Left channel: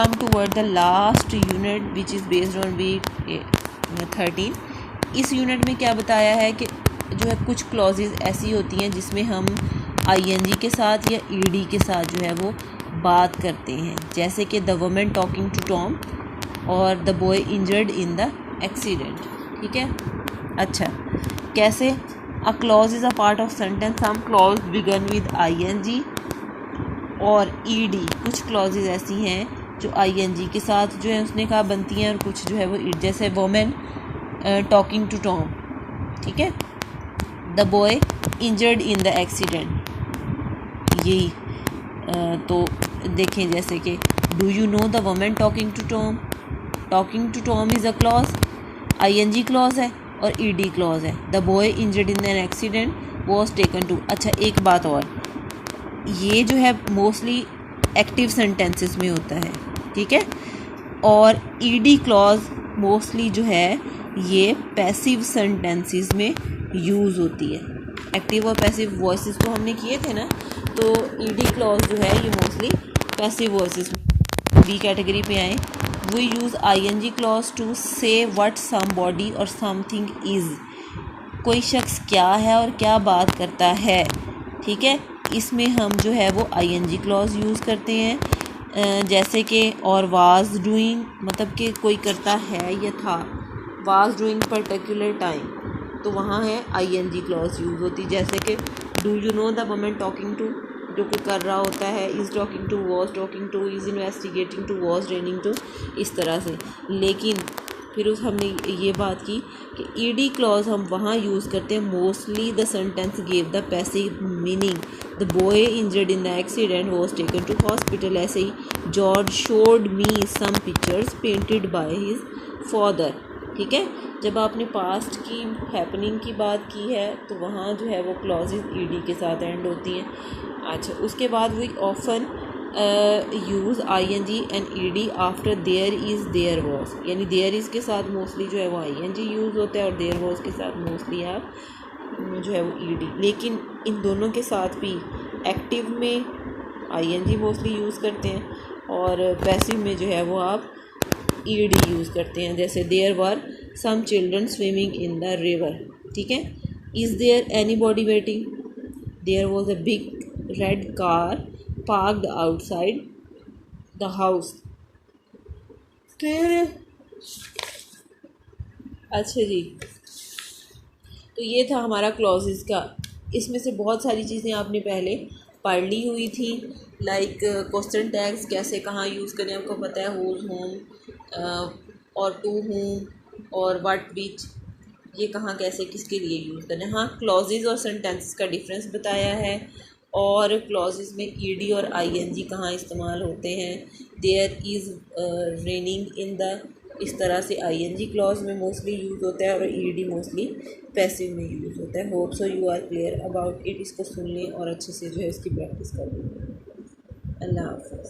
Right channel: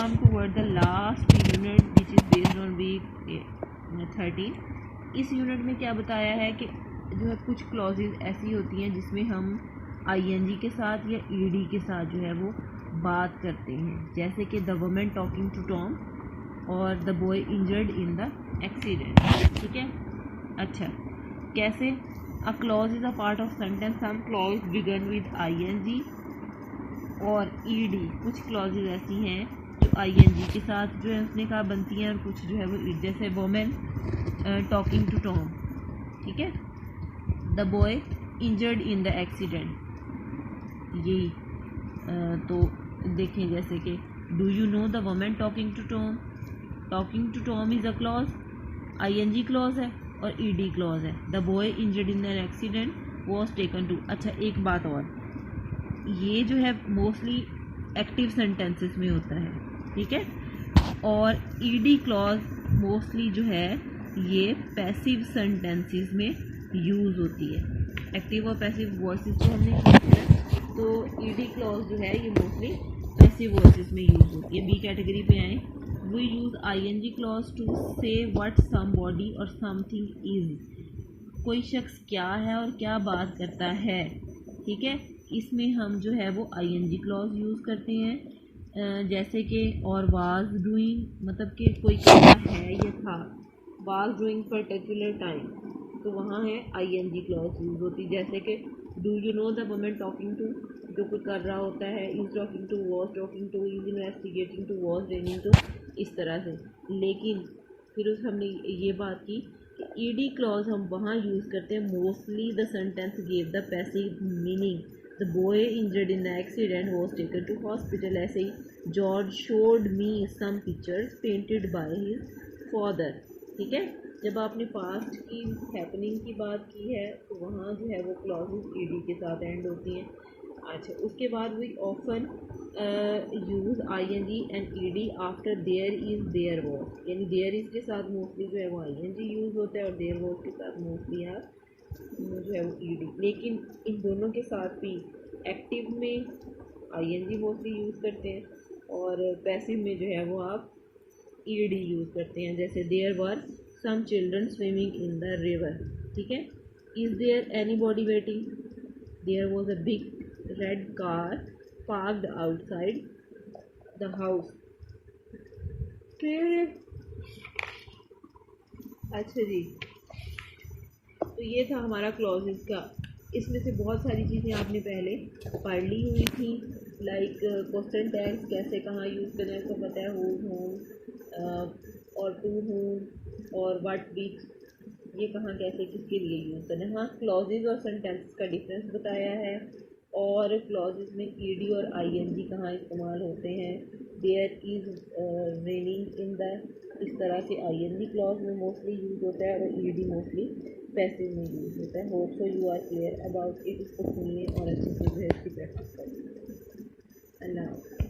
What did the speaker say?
come toward the last unit which is based on week 13. इस unit में क्या बताया है कि जो है कुछ क्लॉजेज ऐसी होती हैं जिसमें हम आईएनजी के साथ या ईडी के साथ जो है वो बात करते हैं, जैसे कि the woman talking to Tom और the boy injured in the accident. ठीक है. अच्छा, कैसे? A clause is a part of sentence. Some clause begin with I N G और ईडी. कुछ क्लॉजेज ऐसी हैं जो आईएनजी के साथ जो है उसने कहा बनती हैं और कुछ जो है वो जैसे वुमेन टॉकिंग टू टॉम. ठीक है. The boy injured in the accident. यही तो देखें जैसे कि do you know the women talking to Tom. Talking to Tom is a clause, ING clause है और ईडी क्लॉज है. The boy injured in an accident was taken to. अच्छा, एक बात और, ये जो है मोस्टली एक्टिव सेंटेंसेस में होता है. ठीक है. और ईडी क्लॉज मोस्टली जो है ये पैसिव सेंटेंसेस में यूज़ होती है. एक्टिव और पैसिव वॉइसेस तो हमने किए थे ना, तो ईडी क्लॉज जो है ये मोस्टली पैसिव वॉइसेस में यूज़ होती है. बी कैटेगरी पे आए. We use ING clause to say what somebody और समथिंग इज़. कोई शख्स क्या है और क्या बात करता है. ठीक है. इसमें हम जो है वो आईएनजी क्लॉज यूज़ करते हैं, जैसे कि और वाज डूइंग, मतलब कि कोई करता है या था. वाज डूइंग पर्टिकुलर टाइम, तो वहाँ है आईएनजी क्लॉज यूज़ होती. जैसे कि do you know the woman talking to, जो कोई कर रहा होता है. Is talking to, was talking to, is investigating to, was raining to, इस तरह से. लेकिन फिर उस हमने ये बात की कि ईडी क्लॉज हम वहाँ यूज़ करते हैं mostly the sentence give the passive meaning. The boy injured in the accident was taken to hospital. ऐसे ही George showed me some pictures painted by his father. ठीक है. जब आपने पास्ट की हैपनिंग की बात की है तो वहाँ जो है वो क्लॉजेज ईडी के साथ एंड होती हैं. अच्छा, उसके बाद we often use ING and ED after there is there was. यानी देयर इज़ के साथ मोस्टली जो है वो आईएनजी यूज़ होता है और देयर वॉज के साथ मोस्टली आप जो है वो ईडी. लेकिन इन दोनों के साथ भी एक्टिव में आईएनजी मोस्टली यूज़ करते हैं और पैसिव में जो है वो आप ईडी यूज़ करते हैं. जैसे there were some children swimming in the river. ठीक है. Is there anybody waiting. There was a big red car parked outside the house. अच्छा जी, तो ये था हमारा क्लॉजेस का. इसमें से बहुत सारी चीज़ें आपने पहले पढ़ ली हुई थी, लाइक क्वेश्चन टैग्स कैसे कहाँ यूज़ करें. आपको पता है होज, होम और टू होम और व्हाट विच, ये कहाँ कैसे किसके लिए यूज़ करें. हाँ, क्लॉजेज और सेंटेंसेस का डिफरेंस बताया है और क्लॉजेज में ईडी और आईएनजी कहाँ इस्तेमाल होते हैं. There is raining in the, इस तरह से आईएनजी क्लॉज में मोस्टली यूज़ होता है और ईडी मोस्टली पैसिव में यूज़ होता है. Hope so you are clear about it. इसको सुन लें और अच्छे से जो है इसकी प्रैक्टिस कर लें. अल्लाह हाफ़िज़.